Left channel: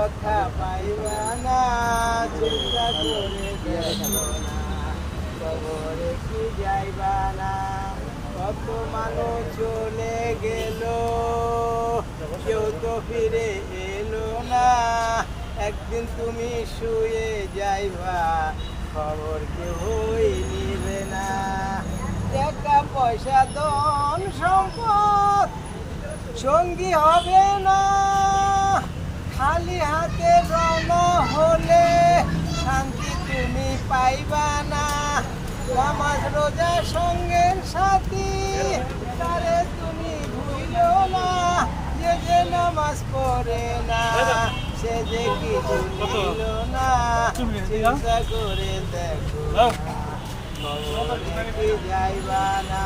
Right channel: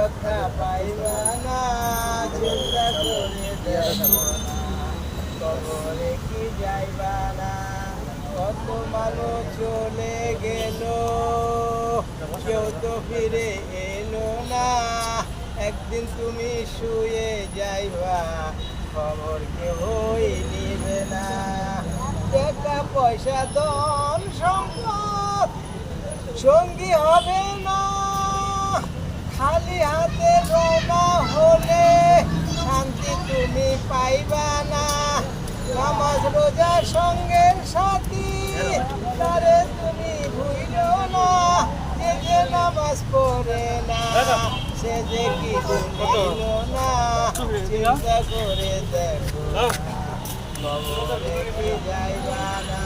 রক্ষা পাইবা না, চিন্তা করে দেখো না, কবরে কি যাইবা না। কত মানুষ চলে গেল, কেউ তো ফিরে এলো না। একদিন তুমি শুয়ে যাইবা, খবর কেউই নিবে না। টাকা পয়সা ধন সম্পদ সঙ্গী হবে না, খালি হাতে রওনা হলে শান্তি তুমি পাইবা না। নামাজ রোজা সঙ্গের সাথী, তারে তুমি ভুলো না। যে নামাজ পড়ে না, সে যে কি ভুলিল না। চিন্তা করে দেখো না, কবরে কি যাইবা না।